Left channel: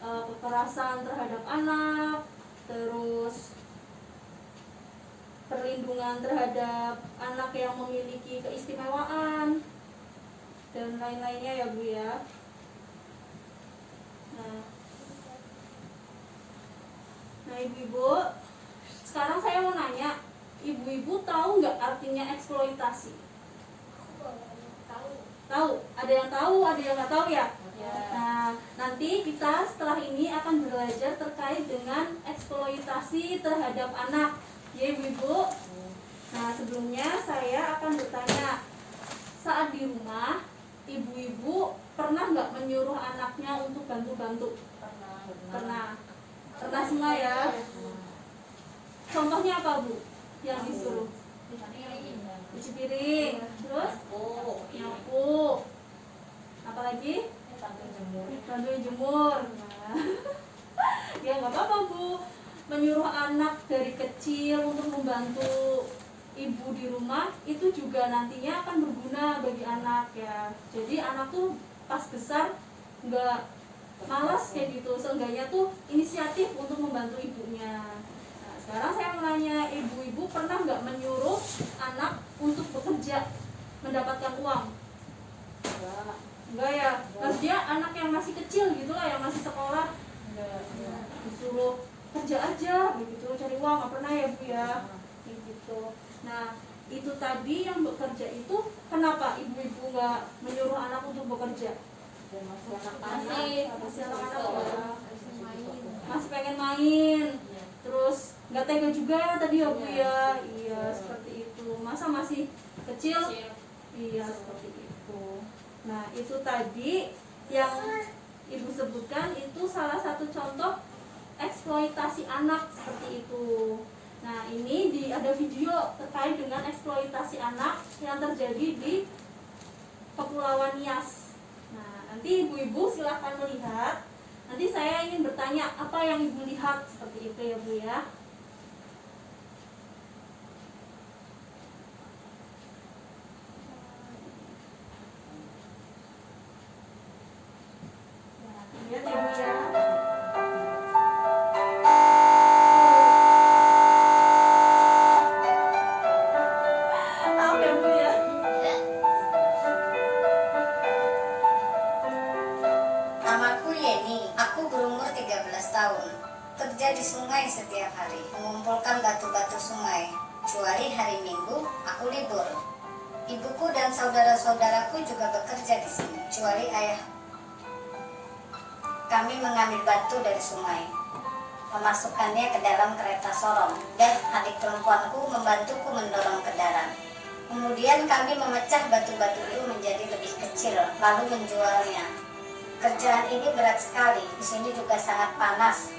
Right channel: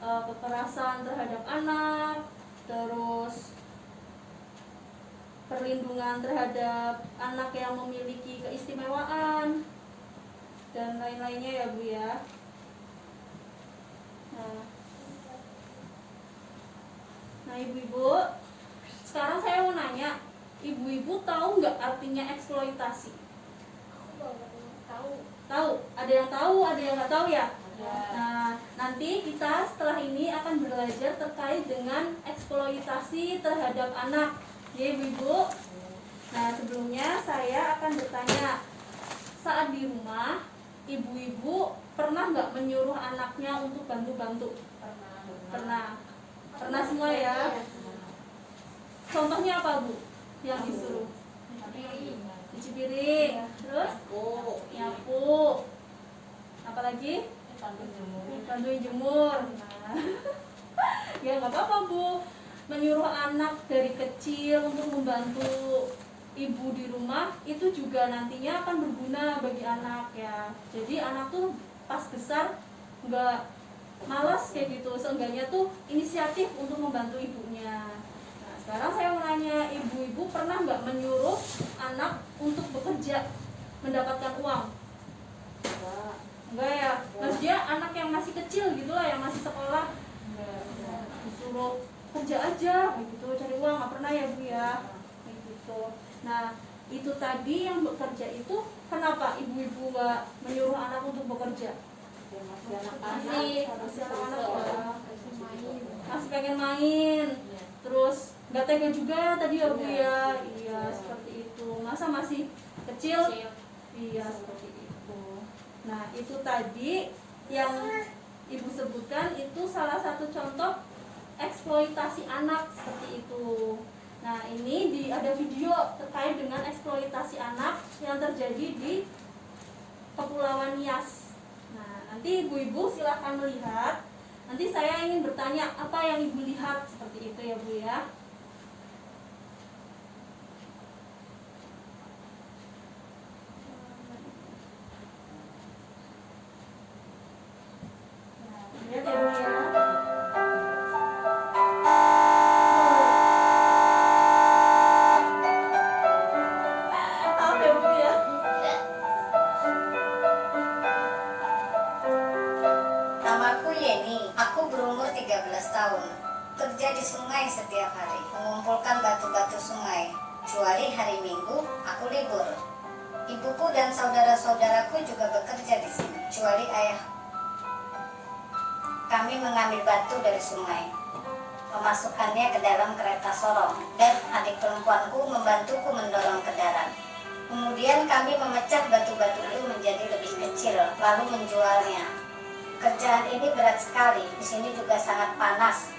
kekerasan terhadap anak, terus perlindungan terhadap anak yang memiliki keistimewaan dan lain-lainnya ya Bu ya. Nah ibu-ibu, sekarang saya mau nanya, ibu-ibu tahu nggak artinya eksploitasi? Tahu? Ada yang tahu, ada yang nggak tahu ya? Nah, nanti kita setelah ini akan belajar terkait dengan eksploitasi terhadap anak, ya ibu-ibu. Nah, sebelumnya saya akan bertanya, saat di rumah, ibu-ibu pernah nggak menyuruh anaknya untuk bantu-bantu? Pernah semua ya? Contohnya apa Bu? Yang disuruh? Cuci piring, terus nyapu, apalagi? Bantu jemur. Nah, ya nggak apa-apa Bu, menyuruh anak dari kecil untuk membantu ibu di rumah itu juga nantinya akan berguna bagi anak ya. Jadi anak tuh pas besar nggak malas kayak gitu, seenggaknya tuh inisiatif untuk membantu ibunya. Nah, sekarang saya mau nanya, ibu-ibu pernah nggak menyuruh anak untuk bekerja mendapatkan uang? Enggak ya, maksudnya anak yang masih kecil gitu lah, yang masih sekolah, disuruh kerja aja begitu, cari uang, nggak pernah ya Bu ya, gitu. Nah itu tadi yang bekerja itu, kenapa ibu-ibu nggak menyuruh anak untuk bekerja? Masih pengen main, terus nggak tega juga tadi ya Bu ya. Iya seperti itu, masa masih kecil? Iya seperti itu. Nah itu tadi yang ibu sebutkan itu salah satu contoh eksploitasi anak seperti itu. Nah ini ada video terkait dengan eksploitasi anak yang terjadi di Kepulauan Nias. Nah nanti ibu-ibu silahkan melihat. Nanti saya ingin bertanya apa yang ibu lihat, seperti itu ya Bu ya. Lihat ya Bu ya. Namaku Yeni, aku berumur 13 tahun. Kerja di sungai setiap hari, mengumpulkan batu-batu sungai. Kecuali hari Minggu, aku libur. Ibuku dan saudara-saudaraku juga bekerja di sini, kecuali ayah. Kami mengambil batu dari sungai, memasukkannya ke dalam kereta sorong, dan adik perempuanku membantuku mendorong kendaraan. Kemudian kami memecah batu-batu itu menjadi lebih kecil, lalu menjualnya. Kerjaan ini berat sekali, di sini juga sangat panas.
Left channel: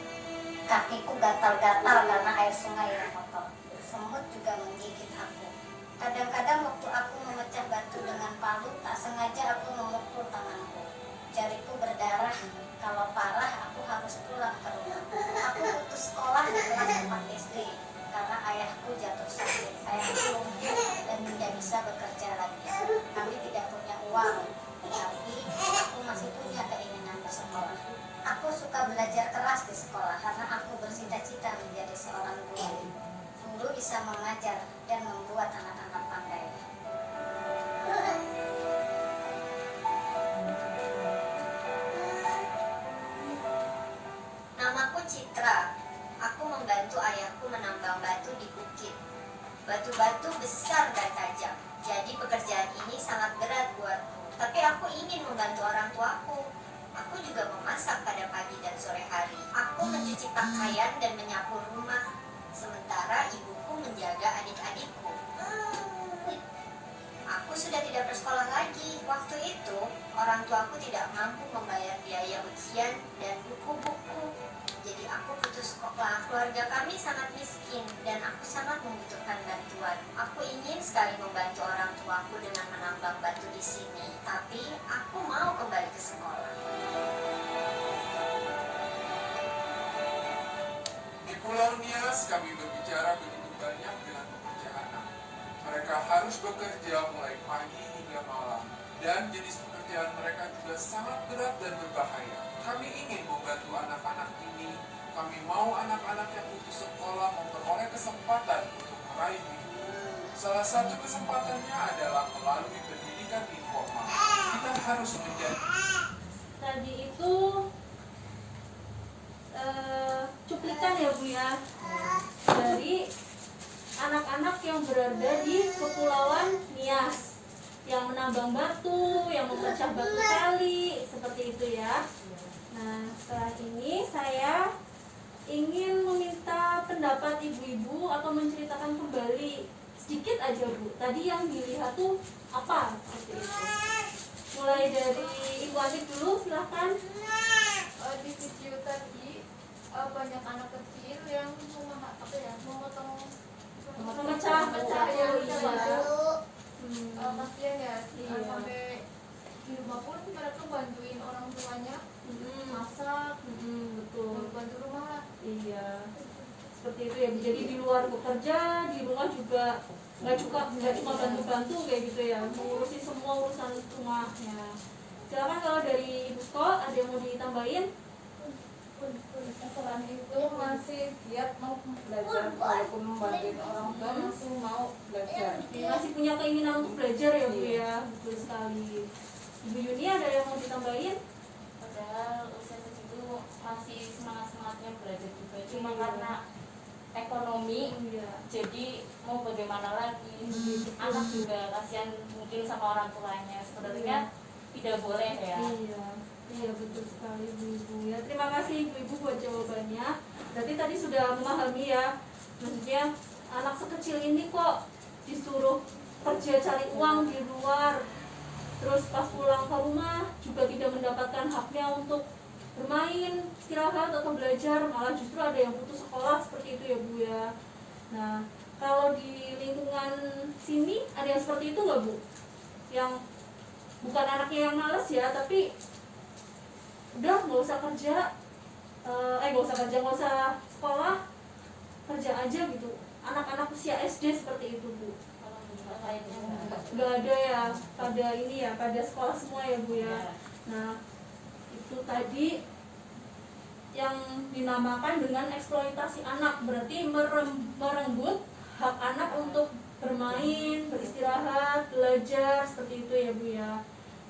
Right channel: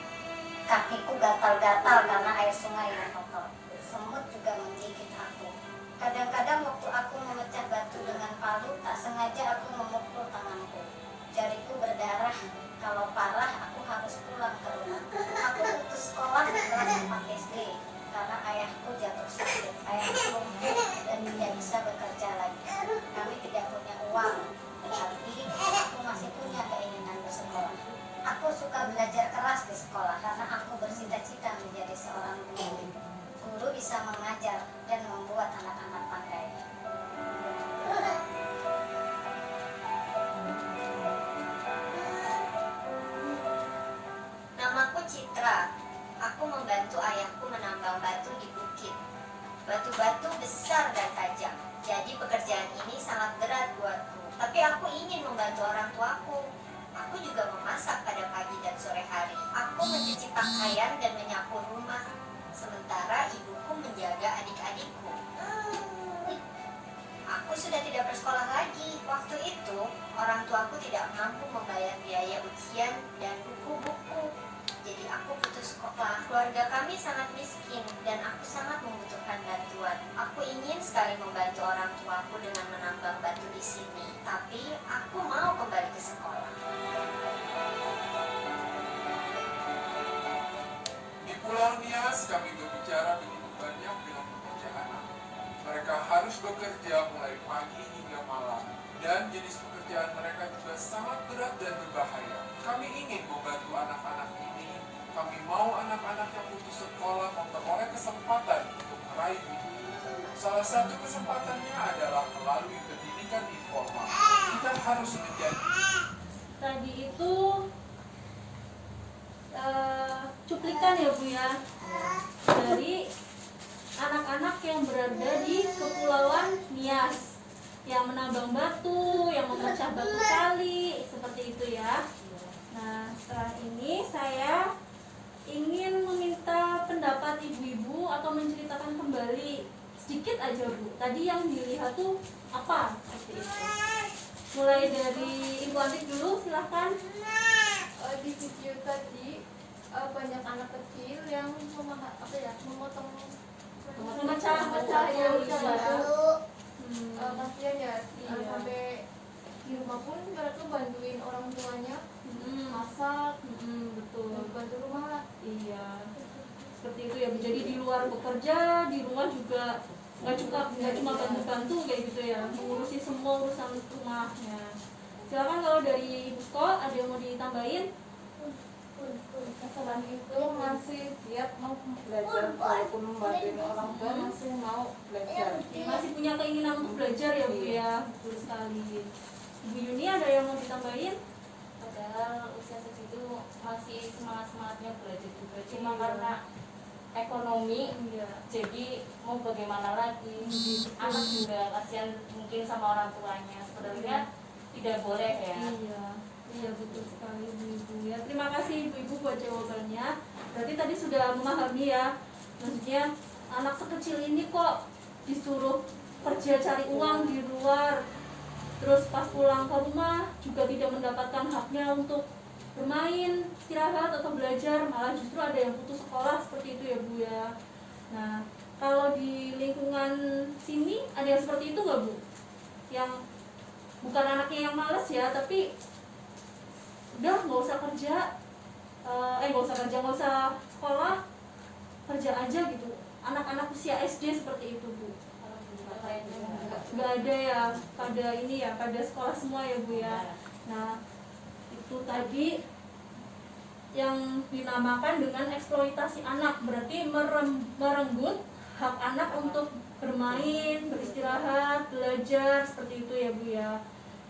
Kakiku gatal-gatal karena air sungai yang kotor. Semut juga menggigit aku. Kadang-kadang waktu aku memecah batu dengan palu, tak sengaja aku memukul tanganku. Jariku berdarah. Kalau parah, aku harus pulang ke rumah. Aku putus sekolah di kelas 4 SD karena ayahku jatuh sakit. Ayahku lumpuh dan tidak bisa bekerja lagi. Kami tidak punya uang, tapi aku masih punya keinginan bersekolah. Aku suka belajar keras di sekolah karena aku bercita-cita menjadi seorang guru. Guru bisa mengajar dan membuat anak-anak pandai. Namaku Citra. Aku membantu ayahku menambang batu di bukit. Batu-batu besar dan tajam. Jadi pekerjaan ini sangat berat buatku. Tapi aku ingin membantu orang tuaku. Aku juga memasak pada pagi dan sore hari. Aku mencuci pakaian dan menyapu rumah. Sementara ibuku menjaga adik-adikku. Aku sudah tidak bersekolah lagi. Waktu itu, orang tuaku tidak mampu membayar biaya ujian dan buku-buku. Jadi aku putus sekolah. Keluarga kami sangat miskin dan aku sangat membutuhkan bantuan. Aku ingin sekali membantu orang tuaku dengan menambang batu di sini. Tapi aku mau kembali ke sekolah. Di Pulau Nias kami berbicara begitu banyak dengan pekerja anak. Mereka harus bekerja mulai pagi hingga malam. Dan jenis pekerjaan mereka juga sangat berat dan berbahaya. Kami ingin membantu anak Kami mau anak-anak yang putus sekolah memperoleh kesempatan untuk meraih mimpi. Salah satu kesempatannya adalah melalui pendidikan informal. Kita harus menjadi Tadi itu cuplikan ya Bu ya, dari anak-anak yang berada di Kepulauan Nias yang menambang batu, yang memecah batu kali, seperti itu ya. Nah, setelah ini saya ingin meminta pendapat ibu-ibu atau menceritakan kembali sedikit aja Bu. Tadi yang dilihat tuh apa? Seperti itu. Mulai dari Ibu Atik dulu, silahkan. Di video tadi banyak anak kecil yang memotong Memecah ya, batu. kasihan ya, Iya. sampai di rumah pun mereka bantuin orang tuanya masak, Betul. bantu rumah lah. Iya. Seperti itu ya. Jadi di luar bekerja, di rumah juga nggak cuma bantu-bantu kayak gitu ya, mengurusi semua urusan rumahnya. Silakan kalau dari Ibu Sko ada yang mau ditambahin? Selain itu masih giat mau belajar, walaupun membantuin orang tua masih mau belajar. Masih punya keinginan untuk belajar ya Bu ya. Betul sekali. Ibu Yuni ada yang mau ditambahin? Padahal usia segitu masih semangat-semangatnya belajar juga, cuma karena ekonomi Iya. jadi mau bagaimana lagi. Anak juga kasihan mungkin sama orang tuanya, sebenarnya tidak boleh ya. Iya betul sekali Bu. Ya, terima kasih Ibu buat jawabannya. Berarti tadi sudah memahami ya, maksudnya anak sekecil ini kok disuruh kerja cari uang di luar, terus pas pulang ke rumah juga tidak mendapatkan haknya untuk bermain, istirahat atau belajar, malah justru ada yang putus sekolah seperti itu ya Bu ya. Nah, kalau di lingkungan sini ada yang seperti itu nggak Bu? Yang bukan anaknya yang males ya, tapi udah nggak usah kerja, nggak usah sekolah, kerja aja gitu. Anak-anak usia SD seperti itu Bu. Nggak ada ya, pada sekolah semua ya Bu ya. Nah, itu tadi yang dinamakan dengan eksploitasi anak, berarti merenggut hak anak untuk bermain, beristirahat, belajar, seperti itu ya Bu ya.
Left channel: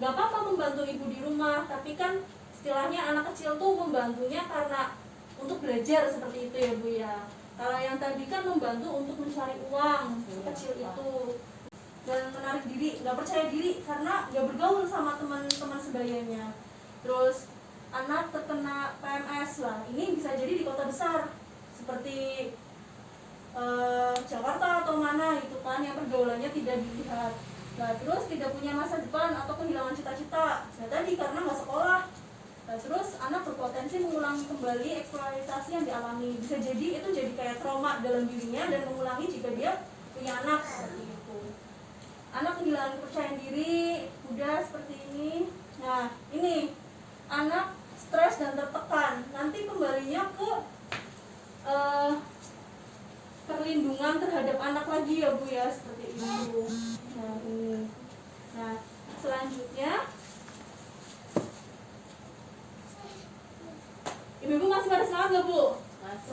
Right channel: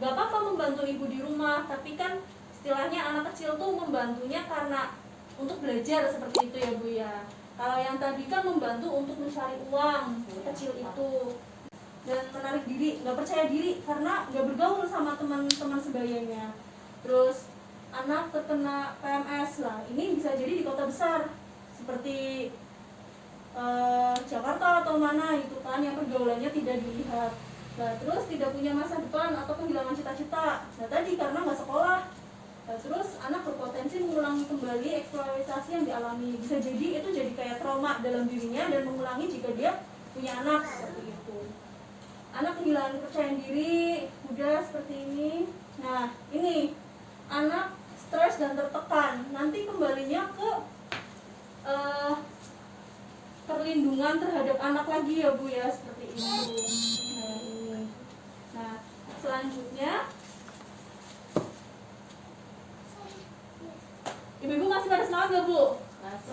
Gak apa-apa membantu ibu di rumah, tapi kan istilahnya anak kecil tuh membantunya karena untuk belajar, seperti itu ya Bu ya. Kalau yang tadi kan membantu untuk mencari uang, kecil itu, dan menarik diri, nggak percaya diri karena nggak bergaul sama teman-teman sebayanya. Terus anak terkena PMS lah, ini bisa jadi di kota besar seperti Jakarta atau mana itu kan, yang pergaulannya tidak dilihat. Nah, terus tidak punya masa depan atau kehilangan cita-cita. Nah, tadi karena nggak sekolah. Nah, terus anak berpotensi mengulangi kembali eksploitasi yang dialami. Bisa jadi itu jadi kayak trauma dalam dirinya dan mengulangi jika dia punya anak seperti itu. Anak kehilangan kepercayaan diri, udah seperti ini. Nah, ini anak stres dan tertekan. Nanti kembalinya ke perlindungan terhadap anak lagi ya Bu ya, seperti ini Bu. Nah, ini. Nah, selanjutnya Ibu-ibu masih pada semangat nggak Bu?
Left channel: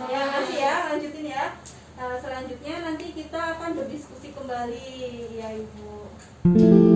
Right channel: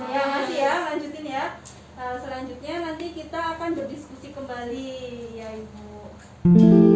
Ya, masih ya, lanjutin ya. Selanjutnya nanti kita akan berdiskusi kembali ya Ibu.